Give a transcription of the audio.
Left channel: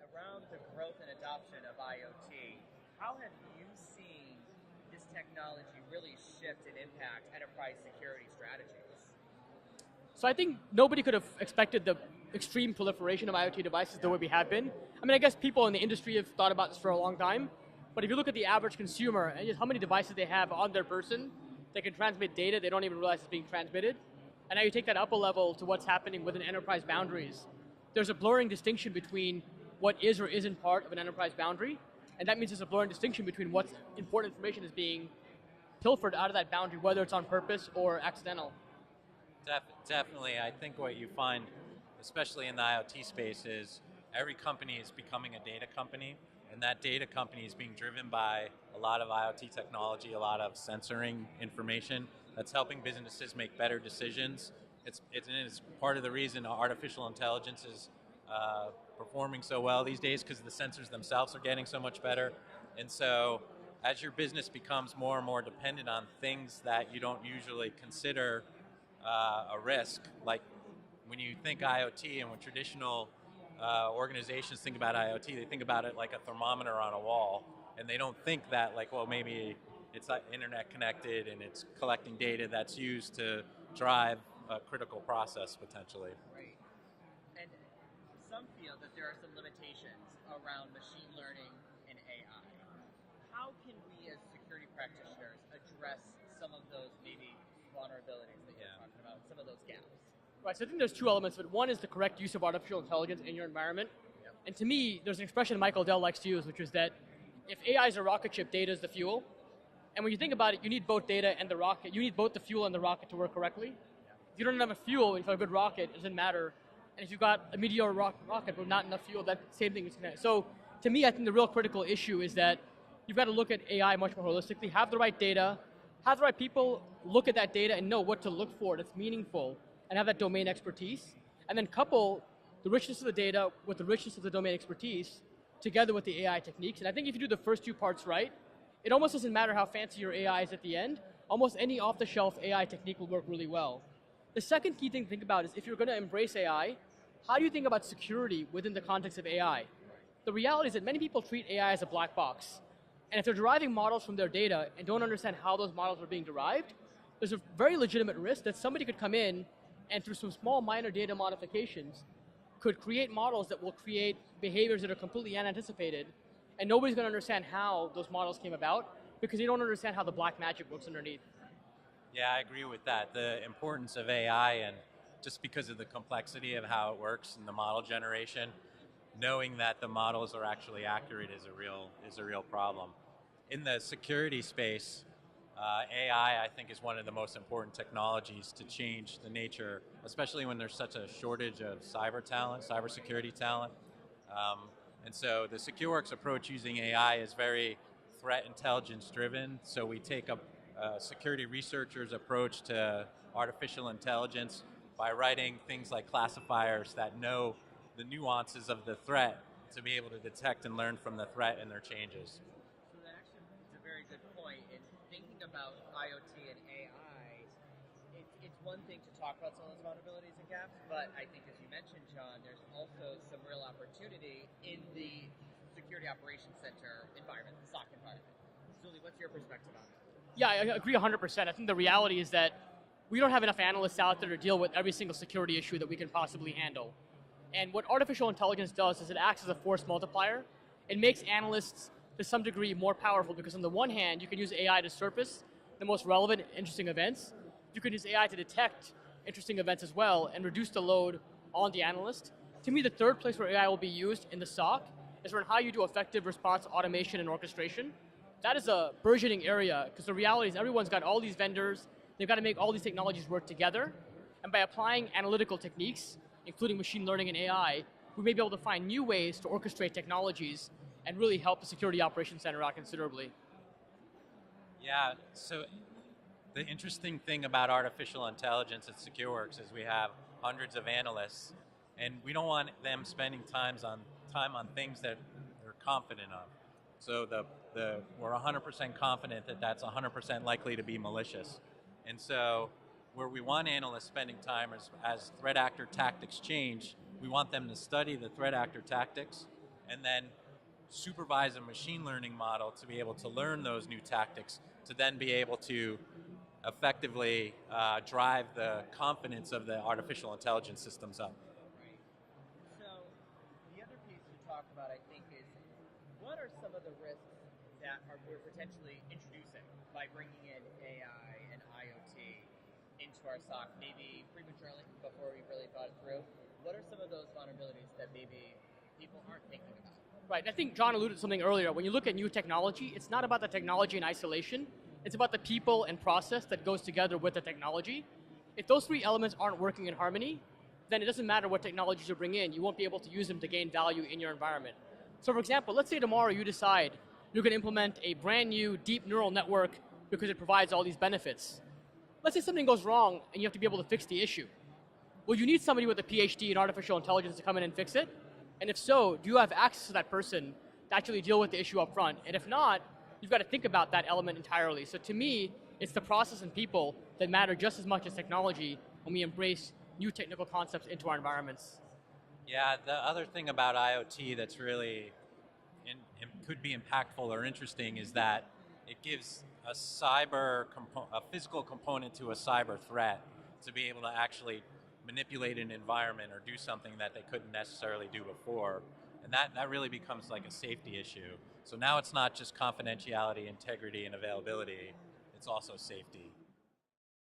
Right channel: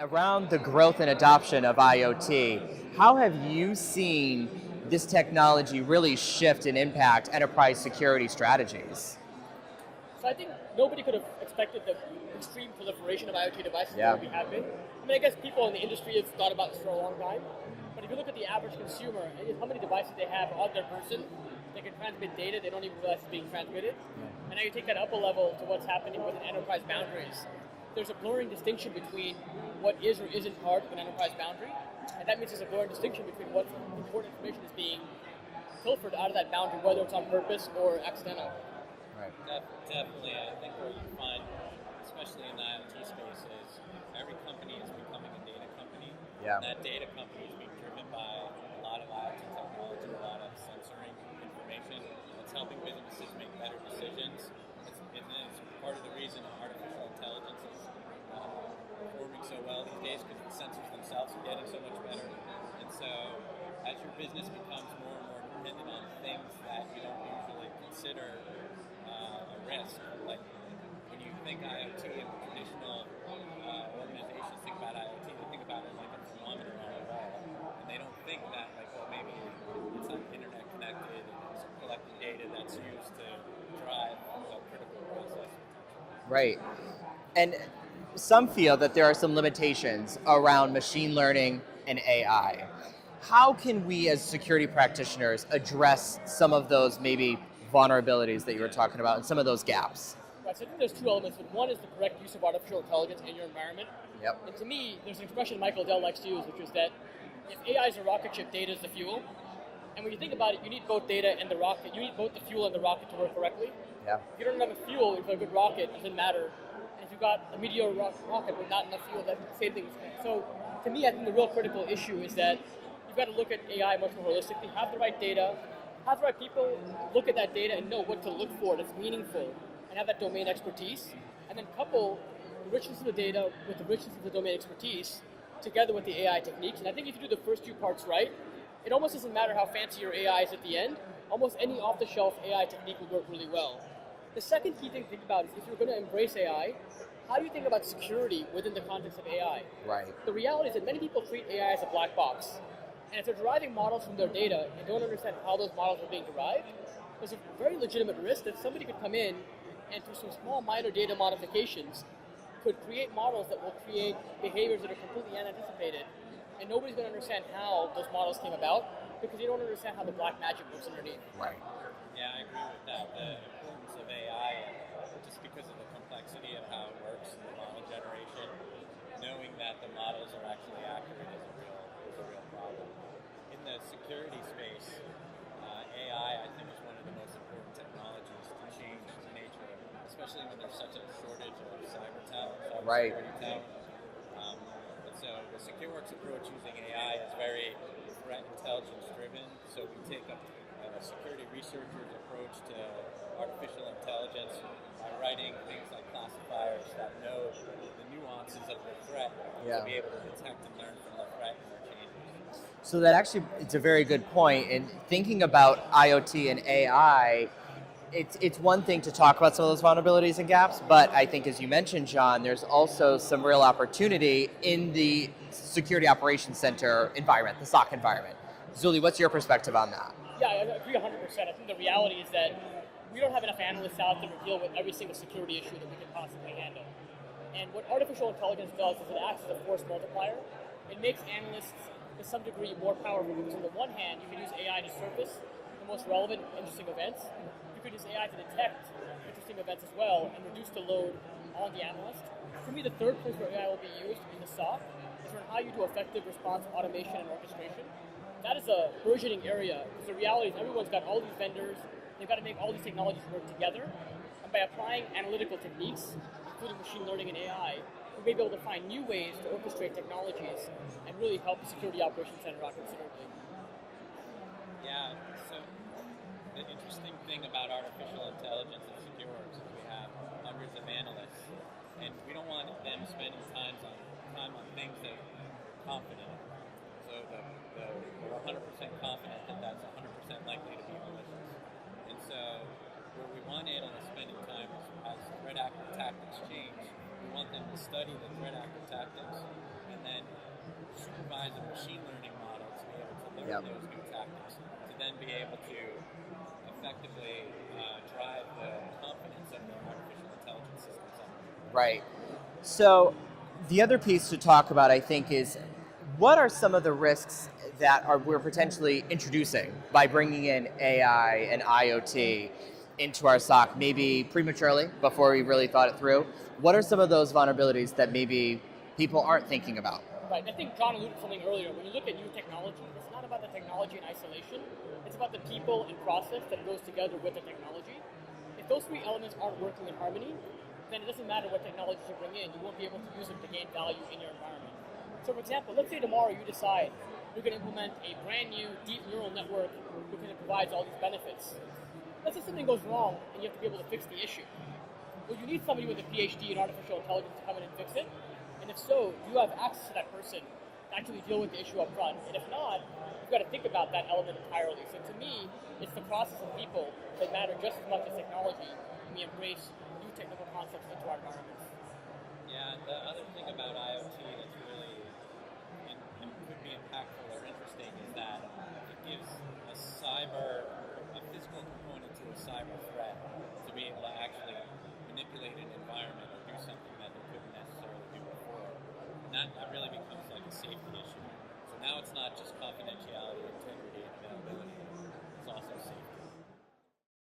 Around the growth and adoption of IoT, how have you seen this technology really shift and impact enterprise security strategies? So I think nobody could have expected the extreme proliferation of IoT devices the Yeah. way we have been. I mean, I guess people in the industry have thought about this for a long time, but if you look at the average consumer and just how many devices they have on their person, they can transmit data they don't even realize is being transmitted. And now you take that up a level to what's happening within enterprise boundaries. There's a blurring distinction between what is or isn't part of an enterprise boundary, and that means there's a blurring distinction between what's important information is being pilfered out of that boundary, whether it's on purpose or accidental. Right. Definitely, I think what you find, especially in the IoT space, is every company is becoming a data company. Yeah. And that data company is being driven by a lot of IoT technology, a lot of sensoring information that's helping businesses make better decisions. It's part of the reason artificial intelligence is performing so well these days, because the sensors themselves are getting so much better. And so as your business becomes more and more dependent on things that you don't usually consider a risk, like when you think IoT and when traditional organizations think about IoT, they think about it like a thermometer on a wall, and they don't think that like, well, maybe it's like internet connected and it's collecting data that's used to drive a critical process potentially. Right. And some feel that there are some limitations around machine learning and AI. How can we as security practitioners address some of those maybe vulnerabilities that you were talking about and some of those gaps? Right, so I think there's two elements. But one is the correct use of artificial intelligence in your environment. Yep. And to me, there's an expression Michael Dell likes to use, which is that if AI is a rocket ship, data is the fuel. And when you think about it, you need both data and the rocket. You need both the fuel and the rocket to work correctly. Yeah. If you don't have enough fuel for a good rocket, it doesn't matter. And if you've got a mediocre rocket but not enough fuel, that same thing is connected. So to me, I think the real critical issue is that you've got to look at AI much more holistically, have the right data, have the right people look at that data and know what to look for that's meaningful, and have that domain expertise, and then couple the richness of the data with the richness of the domain expertise together with the AI techniques. And I think if you do the first two parts right, it almost doesn't matter how fancy your AI is at the end. Almost any off-the-shelf AI technique will work really well. The second key thing to think about is if you're going to embrace AI, how do you think about security within the context of AI? Right. The reality is that many people treat AI as a black box. And if they're deriving models from their data and don't understand how those models are being derived, there's a very legitimate risk that somebody could come in and through some small minor data modifications could create models that will create behaviors that are completely unanticipated. And nobody's going to understand how those models came about because they don't understand how the black magic works underneath. Right. Yeah, I agree with that. The importance of AI, and just because of the complexity of how it works in the model generation, knowing that the models are actually accurate is a real problem. In the security space, AI, I think, is one of the most important technologies to change the nature, especially when there's such a shortage of cybersecurity talent. And so the Secureworks approach using AI is very threat intelligence driven. So we take a security researcher's approach to artificial intelligence by writing things like classifiers that know the nuances of the threat to be able to detect and learn from the threat and their changes. So that actually, it's a very good point. And thinking about IoT and AI, it's one thing to talk about some of those vulnerabilities and gaps, but I think as you mentioned, John, there's also some real opportunity in the security operations center environment, the SOC environment. Zuli, what's your perspective on that? Yeah, I agree 100%. I think the reality is that we don't have enough analysts out there to deal with every single security issue that we can possibly handle. And what artificial intelligence does is it acts as a force multiplier. It makes analysts to some degree more powerful because on the one hand, you can use AI to surface the most relevant, interesting events. You can use AI to detect interesting events as well and reduce the load on the analyst. To me, the third place where AI will be used in the SOC is for how you do effective response automation and orchestration. That is a burgeoning area because the reality is everyone's got all these vendors, they've got to make all these technologies work together. And by applying analytical techniques, including machine learning and AI, we may be able to find new ways to orchestrate technologies and really help the security operations center out considerably. Yeah, so the interesting thing about artificial intelligence at Secureworks is we have hundreds of analysts, and we don't want them spending time on things that we're confident on. So we're 100% confident that that's 100% likely to be malicious. And so where we want analysts spending time is as threat actor tactics change, we want them to study the threat actor tactics and then supervise a machine learning model to be able to learn those new tactics, to then be able to effectively drive the confidence of the artificial intelligence systems up. Right. So the other piece to talk about, I think, is what are some of the risks that we're potentially introducing by bringing in AI and IoT into our SOC, maybe prematurely before we really thought it through? What are some of those vulnerabilities that maybe people aren't thinking about? Right, I think John alluded to something earlier. When you look at new technology, it's not about the technology in isolation. It's about the people and process that goes together with the technology. If those three elements aren't working in harmony, then it doesn't matter what technologies you bring in. You won't be able to use them to gain value in your environment. So for example, let's say tomorrow you decide you're going to implement a brand new deep neural network because it provides all these benefits. Let's say something goes wrong and you have to be able to fix the issue. Well, you need somebody with a PhD in artificial intelligence to come in and fix it. And if so, do you have access to that person to actually deal with the issue up front? And if not, you've got to think about that element entirely. So to me, it's the process and people that matter just as much as technology when we embrace new technical concepts into our environments. Yeah, the other thing about IoT that's really could be impactful or interesting is that it gives a physical component to a cyber threat to be able to actually manipulate an environment or do something that they couldn't necessarily do before. And that really becomes like a safety issue. So now it's not just confidentiality, integrity, and availability, it's also safety.